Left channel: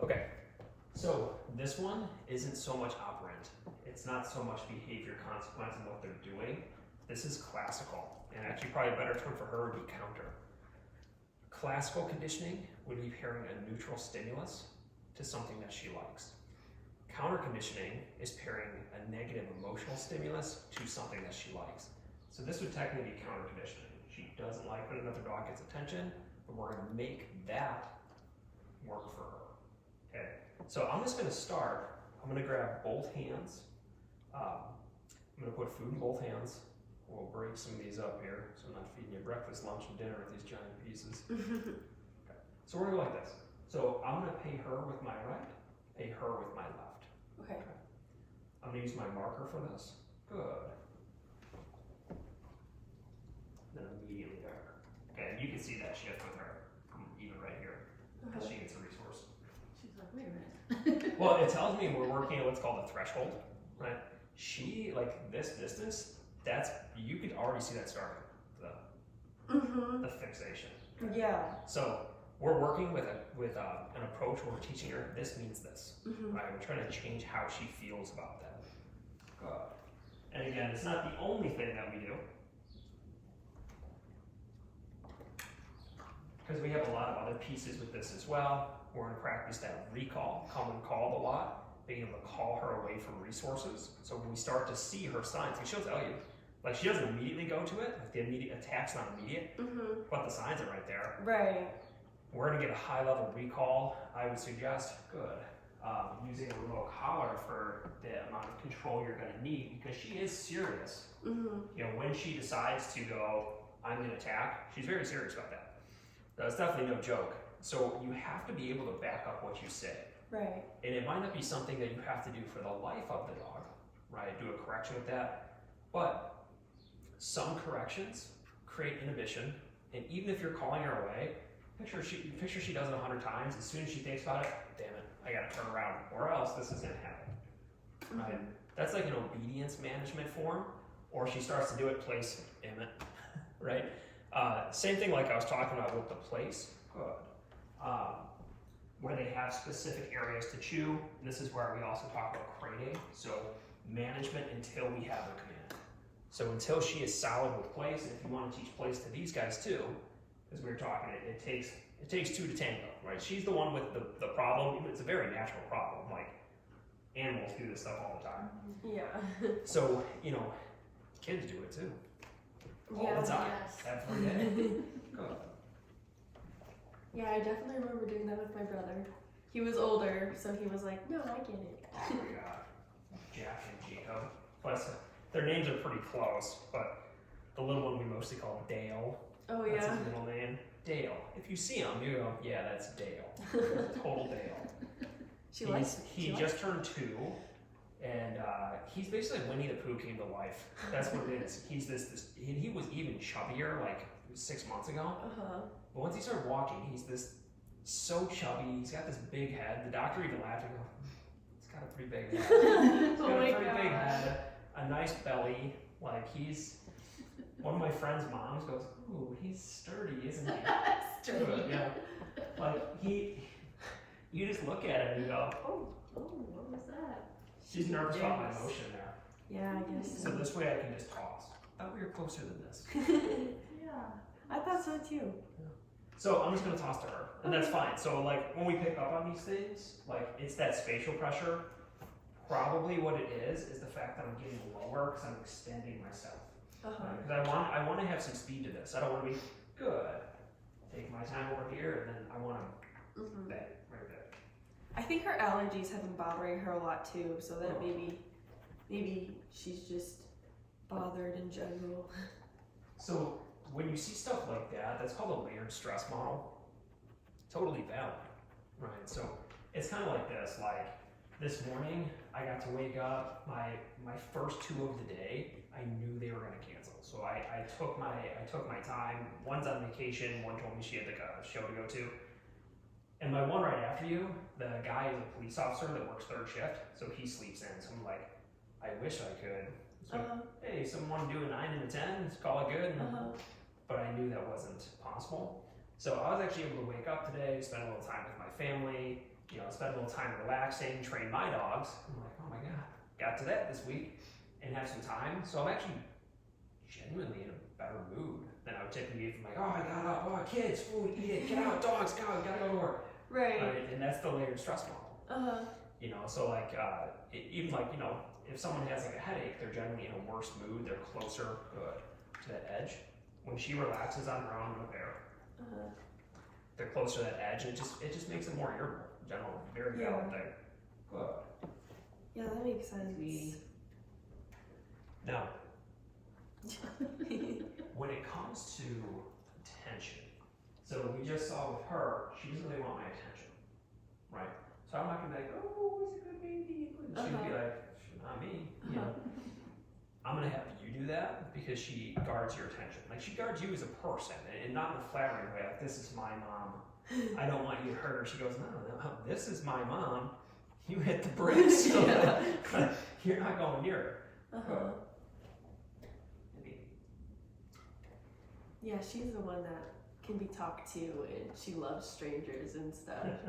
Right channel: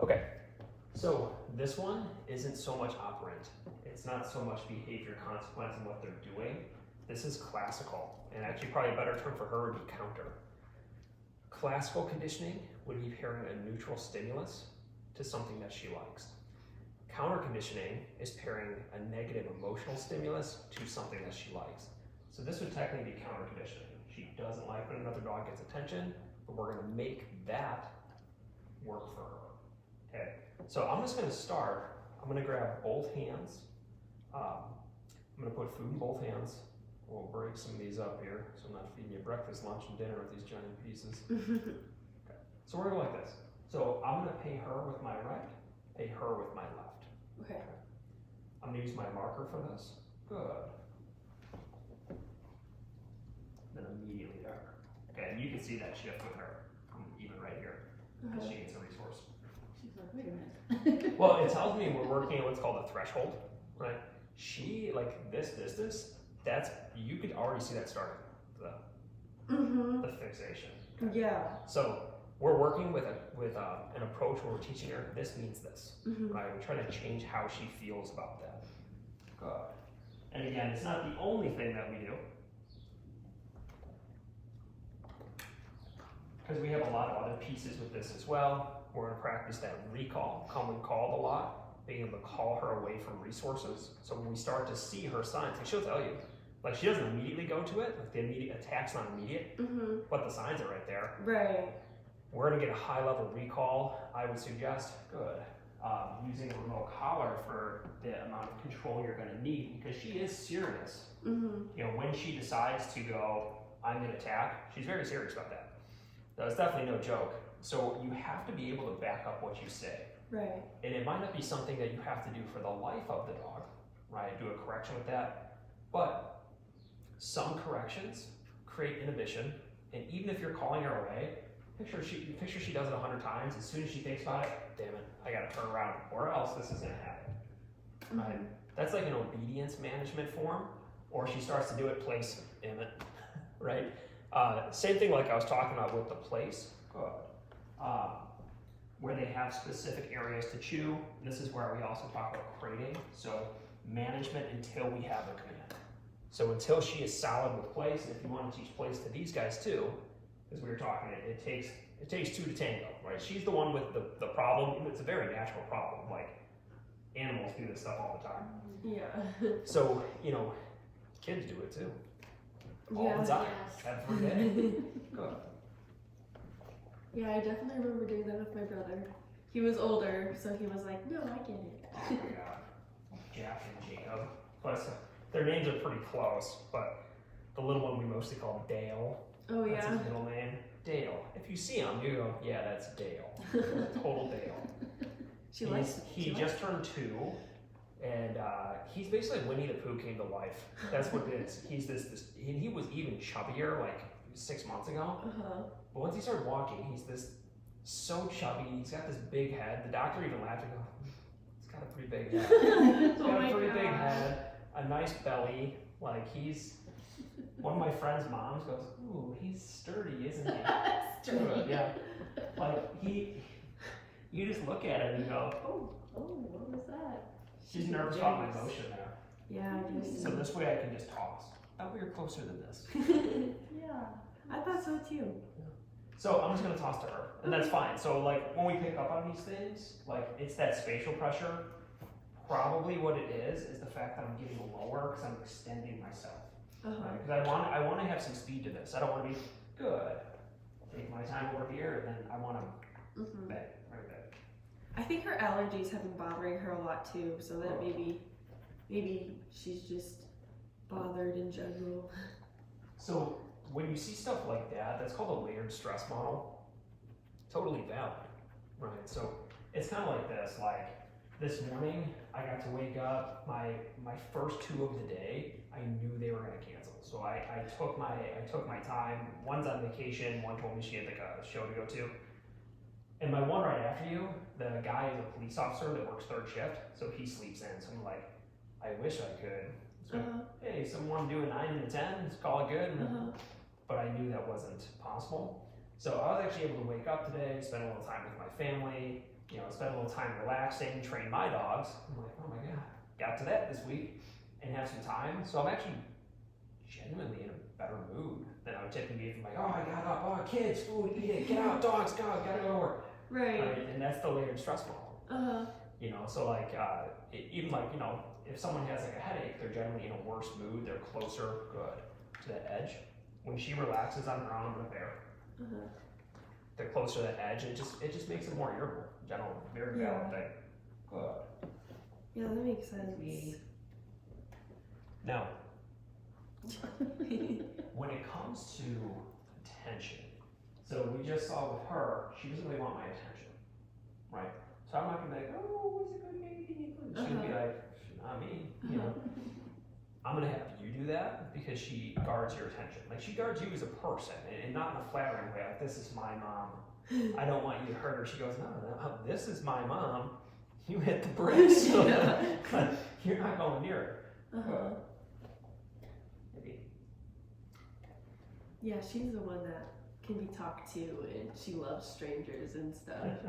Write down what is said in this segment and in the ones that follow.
Okay, so this one isn't so much operant. It's not so much behavior consequence and what they're doing. This is classical, and actually probably a better term for her would be counter. Classical conditioning would be pairing a neutral stimulus to something that she likes. Counter conditioning is pairing a negative emotional stimulus to something that she likes. So this would technically be counter conditioning. She doesn't like when another dog gets attention, but we're gonna make that work for her. Okay, so I'm just gonna start. I'm gonna grab both hands. I'm gonna put food in both hands. We'll break some of these up here, so I'm not feeding you breakfast, lunch, and dinner with these giant pieces. Okay. So we're gonna go like this. So I'm gonna pay her with my right, pay her with my left. Okay. I'm gonna use my marker for this. Good. Then immediately to her. Okay, and you can see that shift with her from even right here, because she gets a resource. She's like, wait a minute. Well, it tells me we're working at what's called a threshold, right? She, like this distance, that's, you could already see that starting, the fixation. Yeah. So we're working with an approach where we're teaching her, this means this, right? We're trying to change how she feels about that. Good. And again, it's not the only thing that we do, because we have a lot of other pieces with this as well. We're gonna practice that recall, come when called a lot, being able to call her away from resources. So when we start to see her signs, like she'll tell you, like she doesn't immediately go to it, like the immediate attack's not immediate, but the signs are right there. Right. We're gonna get a high level recall. I would suggest, good, using a remote collar for the amount of control you're gonna need, because she is serious. You know, when she decides to go, I'm gonna attack, she's very serious about that. That's definitely no joke. So you have to be able to back up what you say. Right. And it might not be something that you have to do for the life of the dog, right? Do a correction with that. But some corrections create inhibition. And even if you're calling her away, picture she does it 100 times. As soon as she thinks about it, damn it, I gotta turn around, or else this is gonna happen, right? That's like an obedience management form, or she starts to do it, place, Emmett, right? Same thing like I was talking about with the place. Where they have specific areas to chew. This is where we also talk about crating. So management until we have a command. So until she is solid with place, and if you want to teach place to these guys too, as we were talking, it takes two to tango, right? She's the one with the problem. It's a very natural problem. Like animals do this stuff all the time. Yeah. So, you know, kids do it too. All the time. Every day. Good. Yeah, I definitely remember doing that with my brother. He was older, so he was like, no, I get it. Oh my god. Jack and Jacob. Plus, their names are pretty close, but the little one we mostly call him Dale. Oh, That's yeah. his middle name. Dale. If you see him, you go, yeah, that's Dale. Total Dale. He just turned 2, and he's basically Winnie the Pooh came to life. That's what it is. He's he was even chubbier like 6 months ago. But once he started walking, he's so chubby. He's got this big head. The doctor even laughed and go, he's got a pretty big head. He's got a pretty big head, a nice belly. Like one of my friend's moms goes, ooh, he's sturdy, isn't he? Sturdy. Yeah. Like you just look at him and you go, Oh, what was that? she's nervous about my emotion there. Yeah, I guess. So this way I can just toss. Oh, we were closer than this. Yeah, I thought so too. So I'm just gonna toss to her, and that's fine. So like when we pick up on these things, like it's that spatial pressure. Probably what it is the fact that I'm getting lower because I'm extending myself. Because I want to have some speed to this. I don't want to be good. Take my time over here, and then I want to bang right there. I think her allergies have been bothering her a lot too, so that maybe she's just bothered in general. So when you see stuff like that, that's called a layered stress model. Totally valid, right? So it's kind of like this. Like this morning, I got to wake up. My first 2 of the day, I knew they were going to cancel. So I took my time. One's on vacation. One told me she had like a show to go to. And my one right after you, the guy is a police officer that works 3rd shift, so he sleeps in. So I'm like, I wish I could. So, hey, someone do a 9 and a 10, call it good. But I knew that wasn't possible. So I was actually able to wake up today, spend a little time with my family, spend a little time relaxing, train my dogs. I'm like, oh my god, got to that this week, and have some time. So I'm actually genuinely in a better mood than I would typically be if I'm like, oh, I got up, oh, kids, food, eat it, get out, dogs, go, gotta go to work. Right. And that's the layered stress model. So like, even like, if someone has like a headache, they're generally in a worse mood, they're closer to that edge. When she relaxes on her own with a bear, they're closer to that edge, and it just makes it more irritable. General, very valid thing. Good. Yeah, that makes sense. Now, when it comes to attention, so we just saw with her, she doesn't really want my attention, right? So I'm not gonna be like, oh, where's a good baby? She'd be like, not me. I'm gonna have you do that because she guards your attention. Like she guards you as a person, and not in a flattering way. Like, this is my mom. I don't want you to hurt her. She goes, no, this is my mom. You hit the brakes. So you're not going near her. Yeah, she's the one that can be talked to, and she loves strangers and stuff.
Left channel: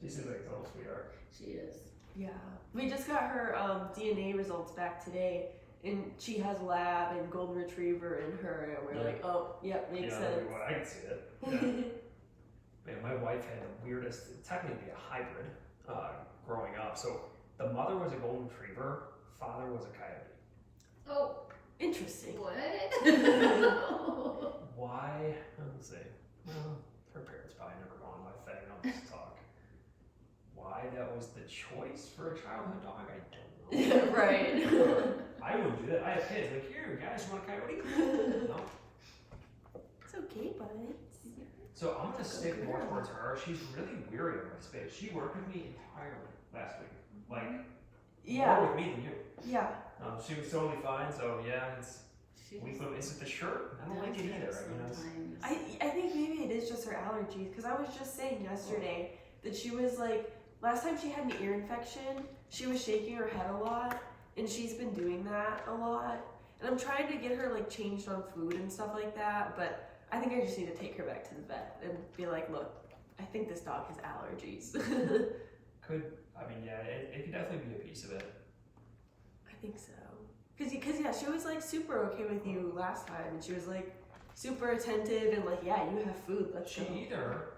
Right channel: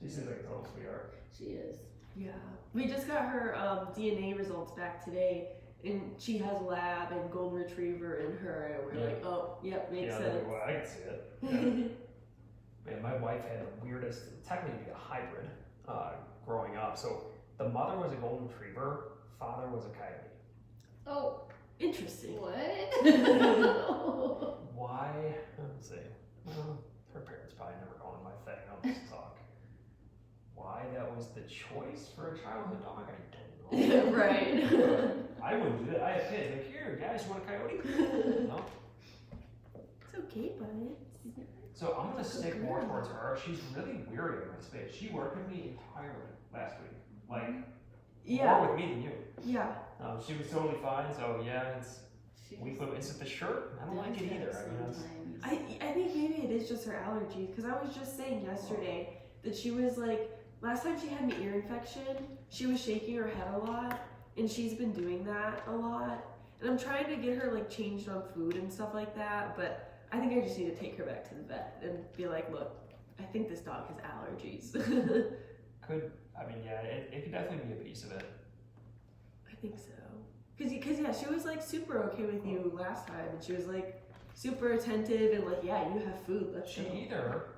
She seems like a total sweetheart. She is. Yeah, we just got her DNA results back today, and she has lab and golden retriever in her, and we're like, oh, yep, makes sense. Well, I can see it. Man, my wife had the weirdest, technically a hybrid, growing up. So the mother was a golden retriever, father was a coyote. Oh, interesting. what? Why? Let's see. Well, her parents probably never go on my thing. I'll just talk. Why that was the choice for a childhood dog, I don't know. Right. I wouldn't do that. I have kids. Like, here, guys, you want a coyote? No. It's okay, buddy. So I'm gonna stick more towards her. She's really weary of my space. She worked with me entirely last week. Like, more with me than you. Yeah. She was totally fine. So yeah, is it the shirt? I don't like it either. I think maybe it is just her allergies, because I was just saying yesterday that she was like, last time she had an ear infection, she was shaking her head a lot, and she's been doing that a lot. And I'm trying to get her like changed on food and stuff like that, but I think I just need to take her back to the vet and be like, look, I think this dog has allergies. It could definitely be a piece of it. I think so. Cause yeah, she was like super okay with you last time, and she was like super attentive and like, yeah, you have food, let's go. She either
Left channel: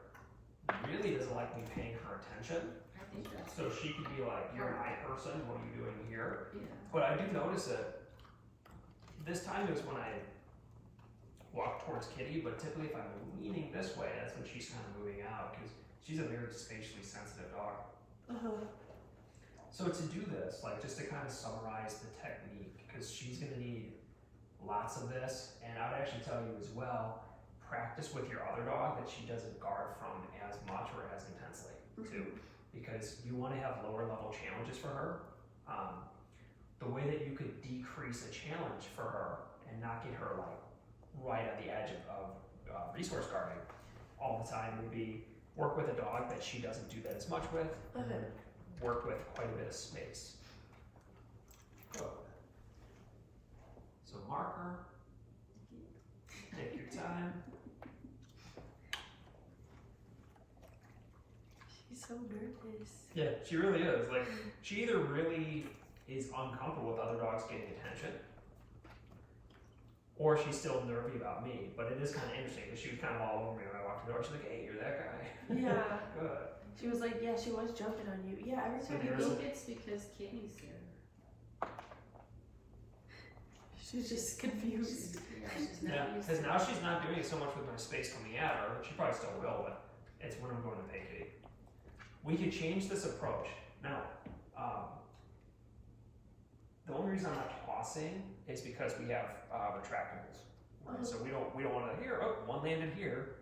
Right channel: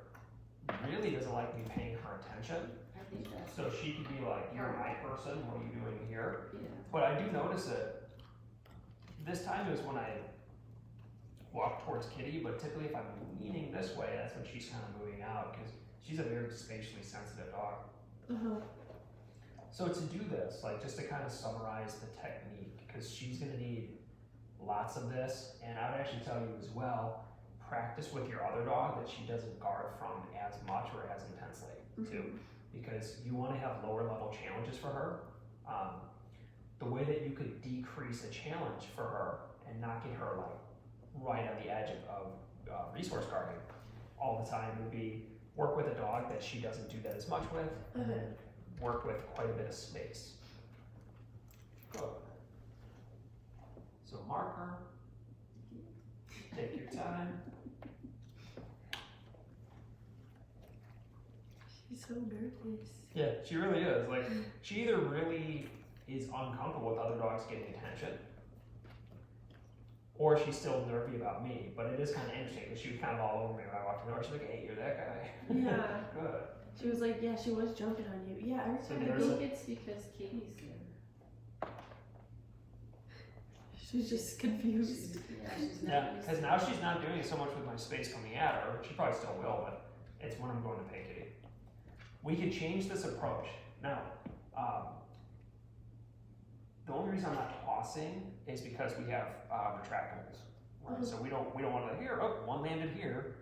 really doesn't like me paying her attention, I think that's so she could be like, you're my person, what are you doing here? yeah. But I do notice it. This time is when I walk towards Kitty, but typically if I'm leaning this way, that's when she's kind of moving out, because she's a very spatially sensitive dog. So to do this, like just to kind of summarize the technique, because she's gonna need lots of this, and I would actually tell you as well, practice with your other dog that she doesn't guard from as much or as intensely too, because you want to have lower level challenges for her. The way that you could decrease a challenge for her and not get her like right on the edge of resource guarding all the time would be work with a dog that she doesn't do that as much with, and then work with quite a bit of space. Good. So mark her, take your time. She's so nervous. Yeah, she really is. Like, she either really is uncomfortable with other dogs getting attention, or she's still nervy about me. But it is kind of interesting because she was kind of all over me when I walked in the door. She's like, hey, you're that guy. Yeah. Good. She was like, yeah, she was jumping on you. Yeah, every time I think it's because Katie's there. she was just confused. Yeah, because now she's not doing it so much with my space coming at her. She probably still will, but it's when I'm going to pay Kitty. We could change this approach. Now, the only reason I'm not tossing is because we have retractables. Right? So we don't want to one landed here.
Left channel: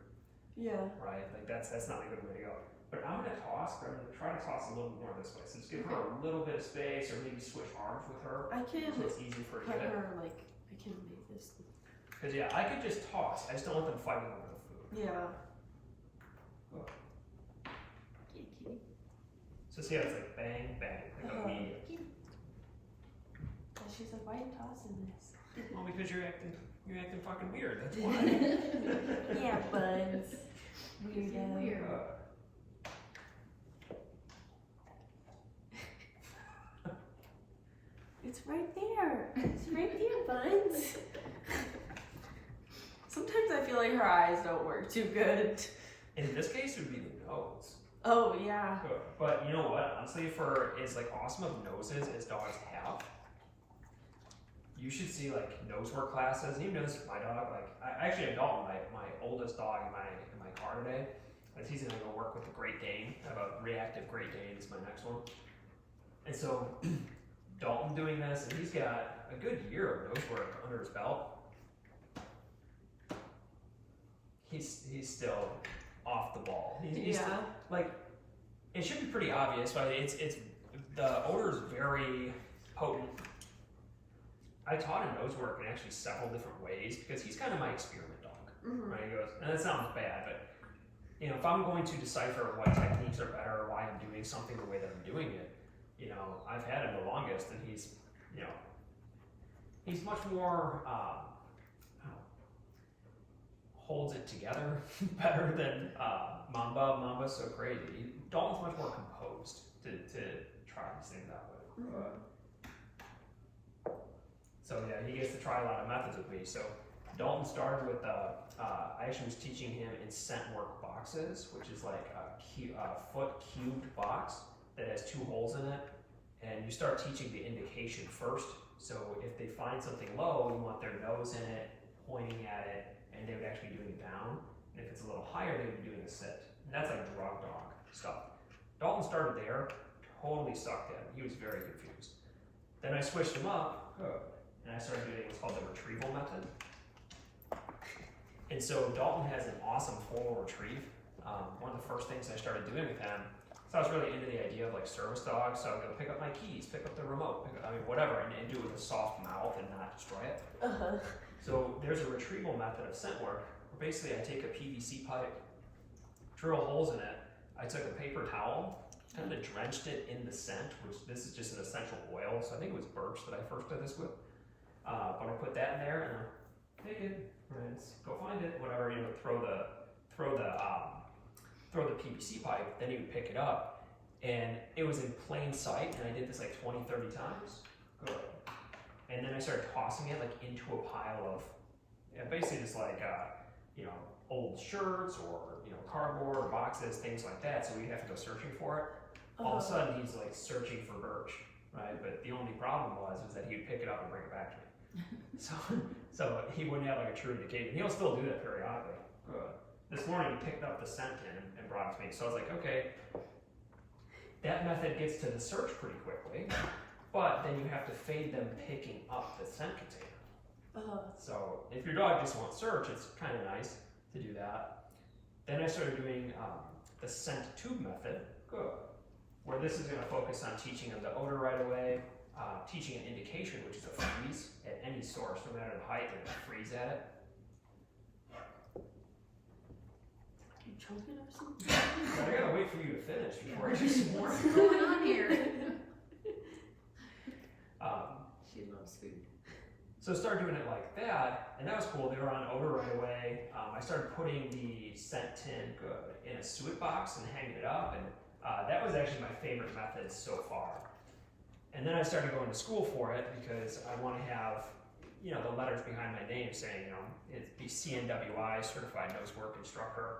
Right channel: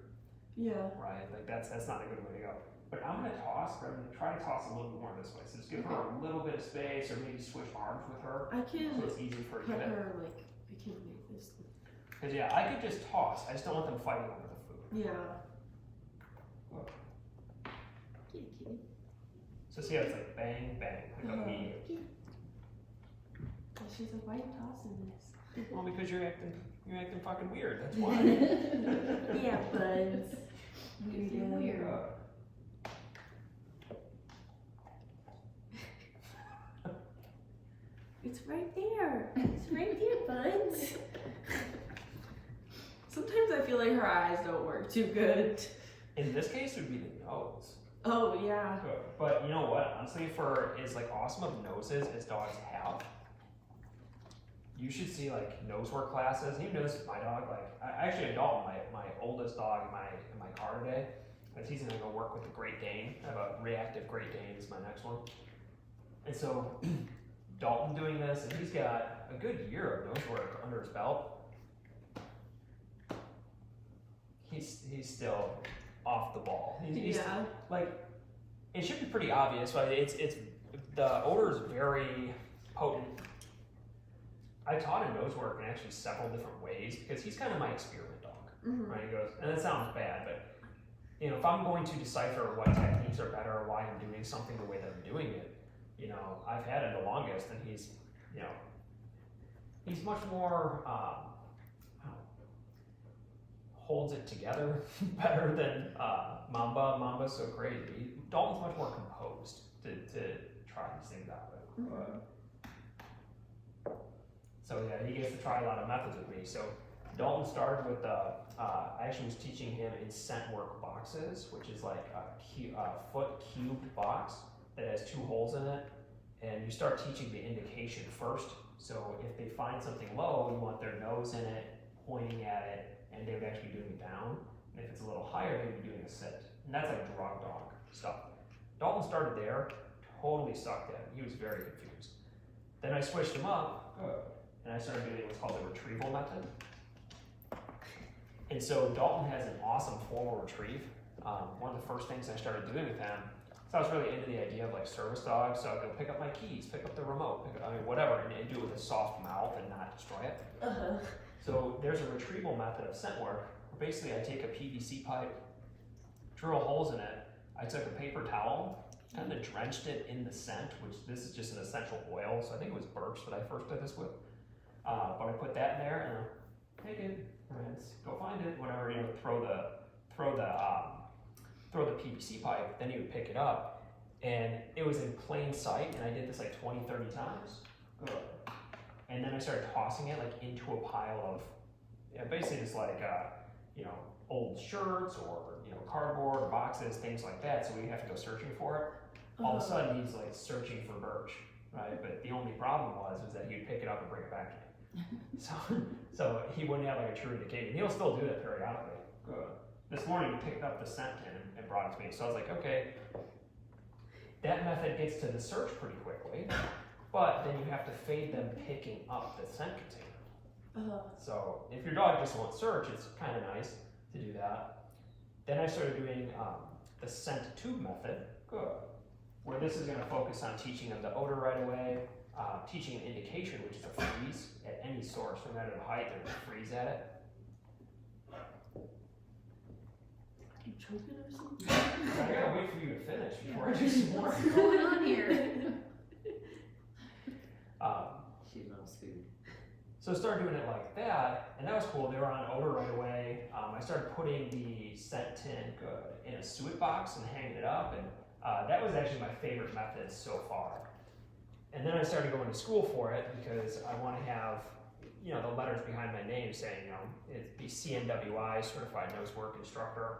Yeah. Right? Like that's not a good way to go. But I'm gonna toss, but I'm gonna try to toss a little more this way. So just give her a little bit of space, or maybe switch arms with her. I can so it's easy for her to put get. her like, I can make this. Because yeah, I could just toss. I just don't want them fighting over the food. Yeah. Kitty. So see how it's like bang, bang, like immediate. And she's like, why are you tossing this? Well, because you're acting fucking weird. That's why. Yeah, buds. Because you're weird. It's right there. It's right there, buns. Sometimes I feel like her eyes don't work too good. In this case, it would be the nose. Oh yeah. But you know what? Honestly, for as like awesome of noses as dogs have, you should see like nose work classes. And you notice my dog, like I actually had Dalton, my oldest dog in my car today, as he's gonna go work with the Great Dane. I have a reactive Great Dane is my next one. And so Dalton doing this, and he's got a good year of nose work under his belt. He's still off the ball. He's Yeah. like, it should be pretty obvious, but it's the odor is very potent. I taught him nose work in actually several different ways because he's kind of my experiment dog. Mm-hmm. Right? He goes, and that sounds bad, but you know, if I'm going to decipher what techniques are better or why I'm doing something the way that I'm doing it, you know, I've had him the longest, and he's, you know, he's much more holds it together better than Mamba. Mamba's so crazy. Dalton's much more composed to try these things out with. Mm-hmm. So yeah, he gets to try a lot of methods with me. So Dalton started with I actually was teaching him in scent work boxes, which is like a foot cubed box that has 2 holes in it, and you start teaching the indication first. So if they find something low, you want their nose in it, pointing at it, and they would actually be doing it down. And if it's a little higher, they would be doing a sit. And that's like drug dog stuff. Dalton started there, totally sucked at it. He was very confused. Then I switched him up, and I started doing what's called the retrieval method. And so Dalton has an awesome formal retrieve. One of the first things I started doing with him, so I was really into the idea of like service dogs. So I'd go pick up my keys, pick up the remote, whatever, and do it with a soft mouth and not destroy it. Uh-huh. So there's a retrieval method of scent work where basically I take a PVC pipe, drill holes in it. I took a paper towel, kind of drenched it in the scent, which this is just an essential oil. So I think it was birch that I first did this with. But I put that in there and hey kid, let's go find it. Whatever, you know, throw the PVC pipe, then you would pick it up. And it was in plain sight, and I did this like 20, 30 times. Good. And then I started tossing it like into a pile of, basically just like, you know, old shirts or, you know, cardboard or boxes, things like that. So we have to go searching for it. All of a sudden he's like searching for birch, right? But the only problem was that he'd pick it up and bring it back to me. So he wouldn't have like a true indication. He'll still do that periodically. Good. This morning he picked up the scent tin and brought it to me. So I was like, okay, that method gets to the search pretty quickly. But then you have to fade them picking up the scent container. So if your dog just won't search, it's kind of nice to do that. Then I started doing the scent tube method, where this is going to focus on teaching them the odor right away, teaching an indication, which is a freeze at any source, no matter the height, they're going to freeze at it. Are you choking or something? I gotta wait for you to finish before I do some more. What's going on here? She loves food. So I started doing it like that, and that was cool. They were on odor right away. I started putting the scent tin in a suet box and hanging it up, and that was actually my favorite method so far. And then I started going to school for it because I want to have, you know, the letters behind my name saying, you know, it's the CNWI, Certified Nose Work Instructor.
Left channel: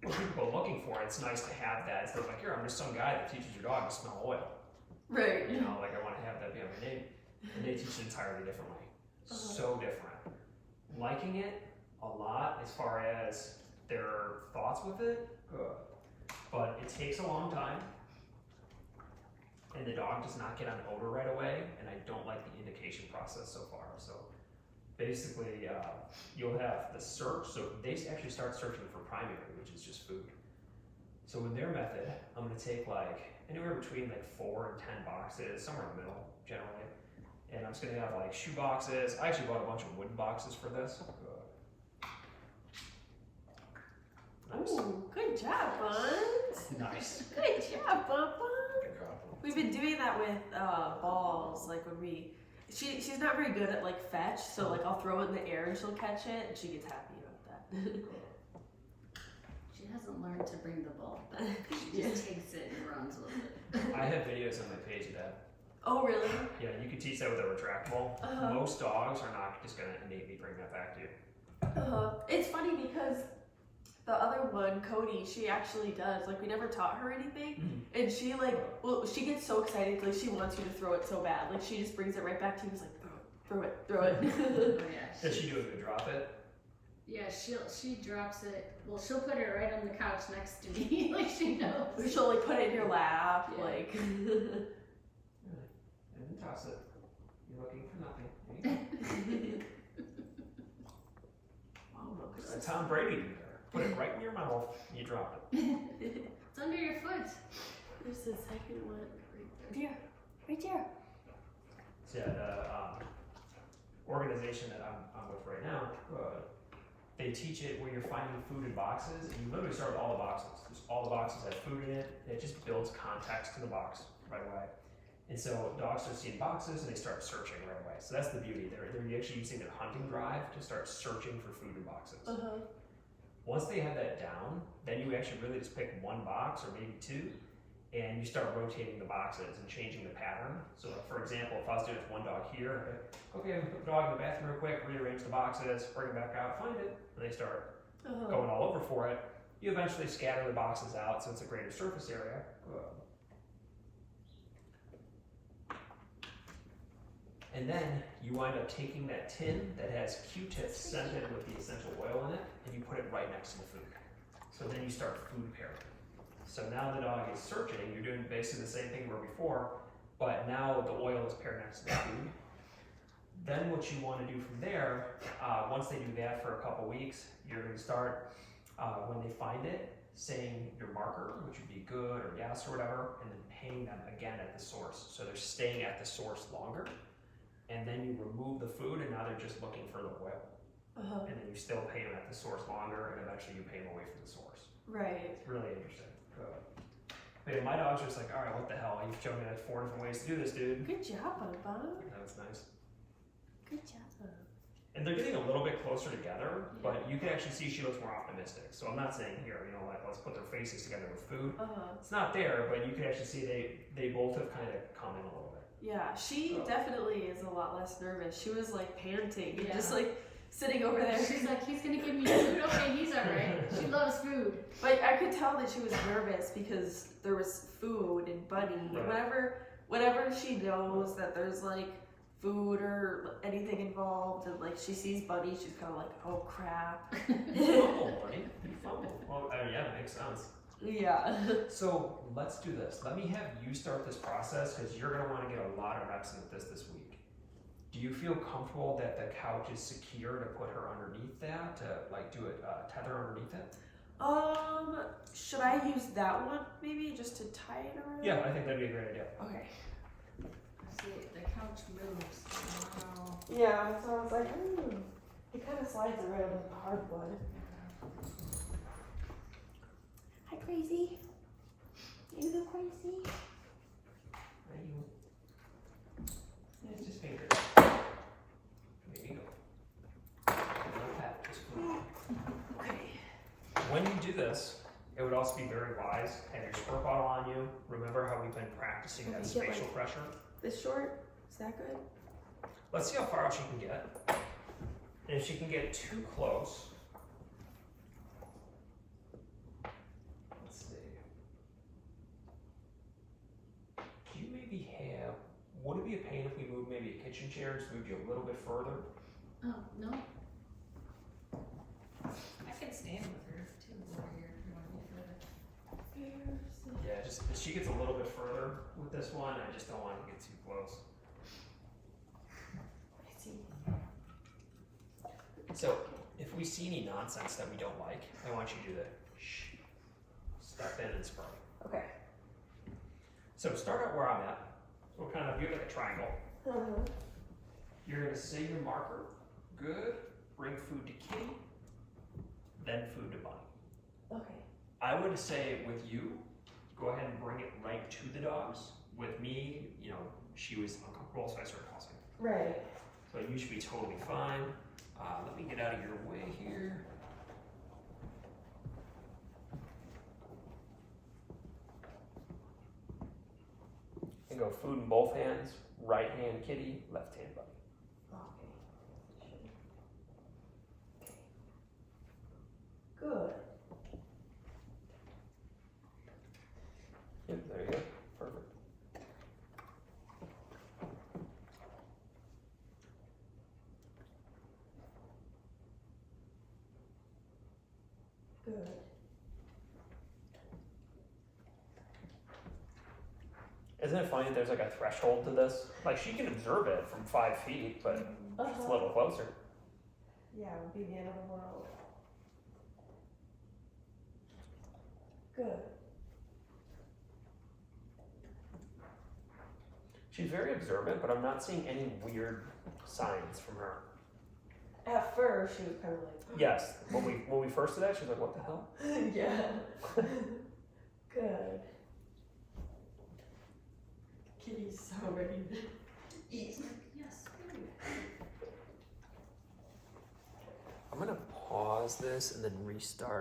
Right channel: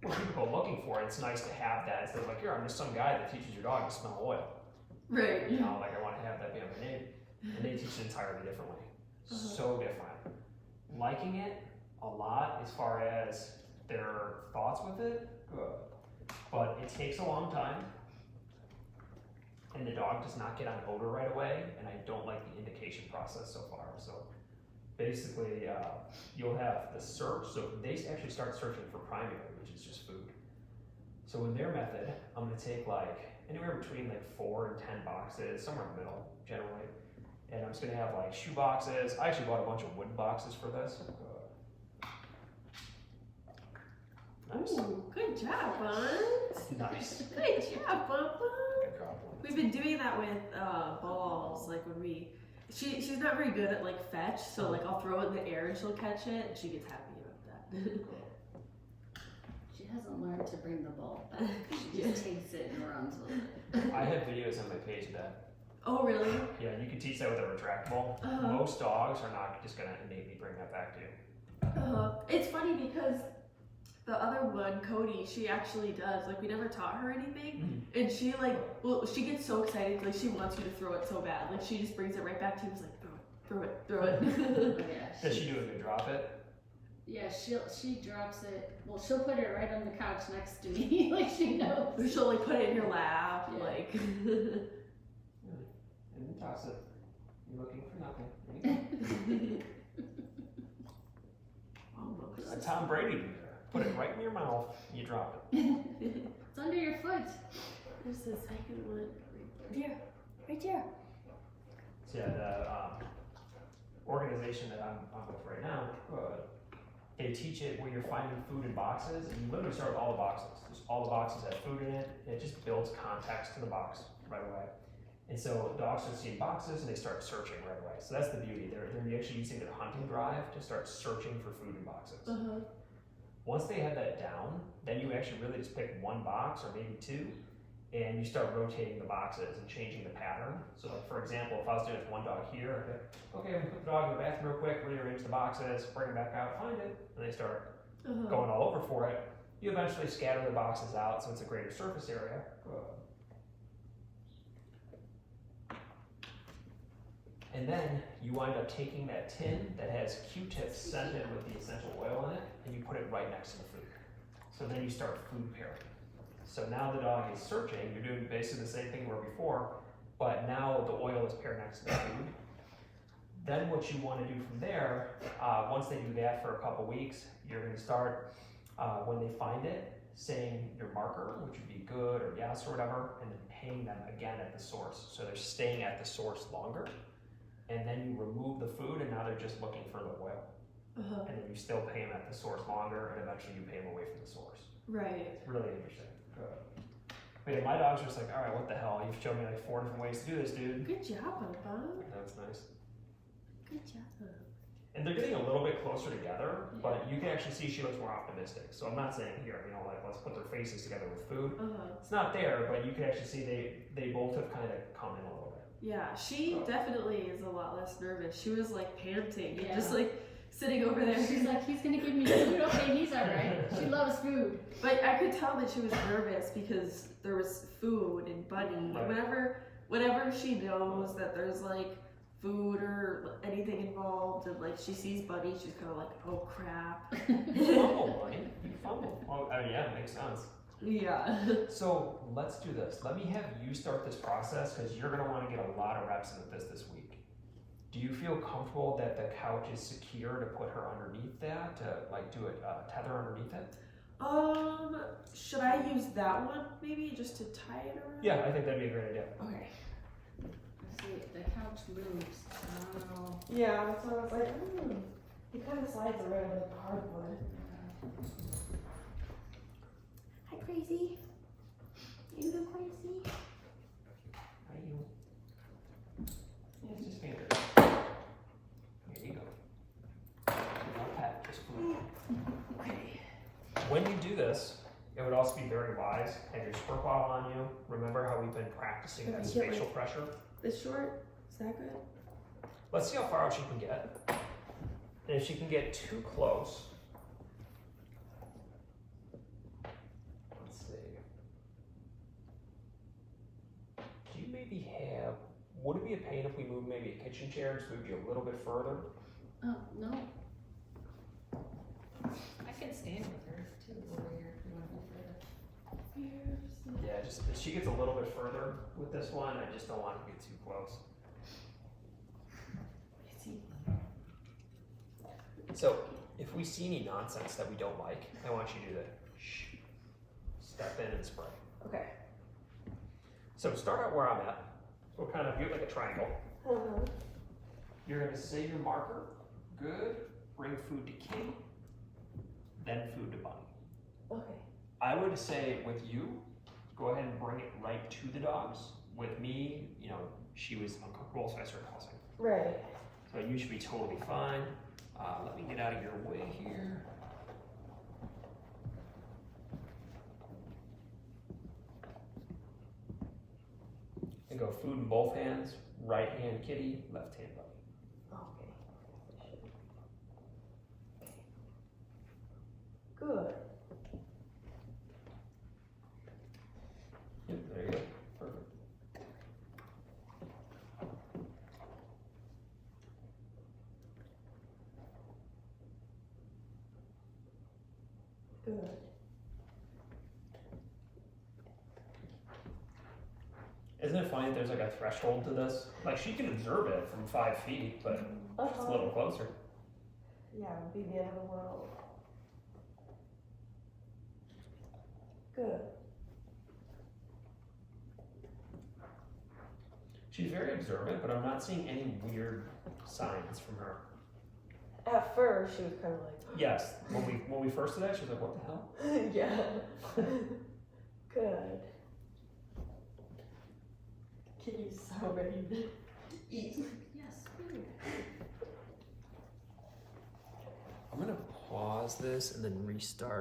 When people are looking for it, it's nice to have that instead of like, here, I'm just some guy that teaches your dog to smell oil. Right. You know, like I want to have that be on my name. And they teach it entirely differently. So different. Liking it a lot as far as their thoughts with it, good. But it takes a long time. And the dog does not get on odor right away, and I don't like the indication process so far. So basically, you'll have the search. So they actually start searching for primary, which is just food. So in their method, I'm going to take like anywhere between like 4 and 10 boxes, somewhere in the middle, generally. And I'm just going to have like shoe boxes. I actually bought a bunch of wooden boxes for this. Nice. Ooh, good job, Buns. Nice. Good job, Bubba. Good job. We've been doing that with balls, like when she's not very good at like fetch, so like I'll throw it in the air and she'll catch it, and she gets happy about that. She hasn't learned to bring the ball back. She just takes it and runs with it. I have videos on my page of that. Oh, really? Yeah, you can teach that with a retractable. Uh-huh. Most dogs are not just gonna innately bring that back to you. It's funny because the other one, Cody, she actually does. Like, we never taught her anything, and she she gets so excited, like she wants you to throw it so bad. Like she just brings it right back to you. She's like, throw it. Oh, yeah, Does she do a good drop it? yeah, she drops it. Well, she'll put it right on the couch next to me, like she knows. Or she'll like put it in your lap, Yeah. like. And then toss it. You're looking for nothing. There you Oh, look, go. A Tom Brady do there. Put it right in your mouth. And you drop it. It's under your foot. There's the second one. Yeah. Right there. So yeah, the organization that I'm with right now, they teach it where you're finding food in boxes, and you literally start with all the boxes. All the boxes have food in it, and it just builds context to the box right away. And so dogs start seeing boxes, and they start searching right away. So that's the beauty. They're actually using their hunting drive to start searching for food in boxes. Once they have that down, then you actually really just pick one box or maybe two, and you start rotating the boxes and changing the pattern. So like, for example, if I was doing it with one dog here, okay, I'm gonna put the dog in the bathroom real quick, rearrange the boxes, bring it back out, find it, and they start going all over for it. You eventually scatter the boxes out so it's a greater surface area. And then you wind up taking that tin that has Q-tips scented with the essential oil in it, and you put it right next to the food. So then you start food pairing. So now the dog is searching, you're doing basically the same thing we were before, but now the oil is paired next to the food. Then what you want to do from there, once they do that for a couple weeks, you're going to start, when they find it, saying your marker, which would be good or yes or whatever, and then paying them again at the source. So they're staying at the source longer. And then you remove the food, and now they're just looking for the oil. And then you still pay them at the source longer, and eventually you pay them away from the source. Right. It's really interesting. But yeah, my dog's just like, all right, what the hell? You've shown me like 4 different ways to do this, dude. Good job, Bubba. That's nice. Good job. And they're getting a little bit closer together, but you can actually see she looks more optimistic. So I'm not saying here, like let's put their faces together with food. It's not there, but you can actually see they both have kind of come in a little bit. Yeah, she definitely is a lot less nervous. She was like panting and Yeah. just like sitting over there. She's like, he's gonna give me food. Okay, he's alright. She loves food. But I could tell that she was nervous because there was food and Bunny. Right. Whenever she knows that there's like food or anything involved, and like she sees Bunny, she's kind of like, oh crap. You fumble, buddy. You fumble. Well, I mean, yeah, it makes sense. Yeah. So let's do this. Let me have you start this process because you're going to want to get a lot of reps in with this week. Do you feel comfortable that the couch is secure to put her underneath that, to like do a tether underneath it? Should I use that one maybe just to tie it around? Yeah, I think that'd be a great idea. Okay. See, the couch moves. Oh. Yeah, so I was like, it kind of slides around like hardwood. Hi, Crazy. You go crazy. Yeah, it's just fingers. There you go. Don't pat it, just food. Okay. When you do this, it would also be very wise. Have your squirt bottle on you. Remember how we've been practicing that Okay, get spatial pressure? This short, is that good? Let's see how far out she can get. And if she can get too close, let's see. Do you maybe have, would it be a pain if we moved maybe a kitchen chair, just moved you a little bit further? Oh, no. I can stand with her too over here if you want me further. Yeah, just if she gets a little bit further with this one, I just don't want to get too close. So, if we see any nonsense that we don't like, I want you to do the shh, step in and spray. Okay. So to start out where I'm at, we'll kind of do it like a triangle. You're gonna say your marker, good, bring food to Kitty, then food to Bunny. Okay. I would say with you, go ahead and bring it right to the dogs. With me, she was uncomfortable, so I started tossing. Right. So you should be totally fine. Let me get out of your way here. And go food in both hands, right hand kitty, left hand buddy. Okay. Good. Yep, there you go. Perfect. Good. Isn't it funny that there's like a threshold to this? Like she can observe it from 5 feet, but it's a little closer. Yeah, it would be the end of the world. Good. She's very observant, but I'm not seeing any weird signs from her. At first, she was kind of like, Yes, when we first did that, she was like, "What the hell?" yeah. Good. Kitty's so ready to eat. Yes. Ooh. I'm gonna pause this and then restart.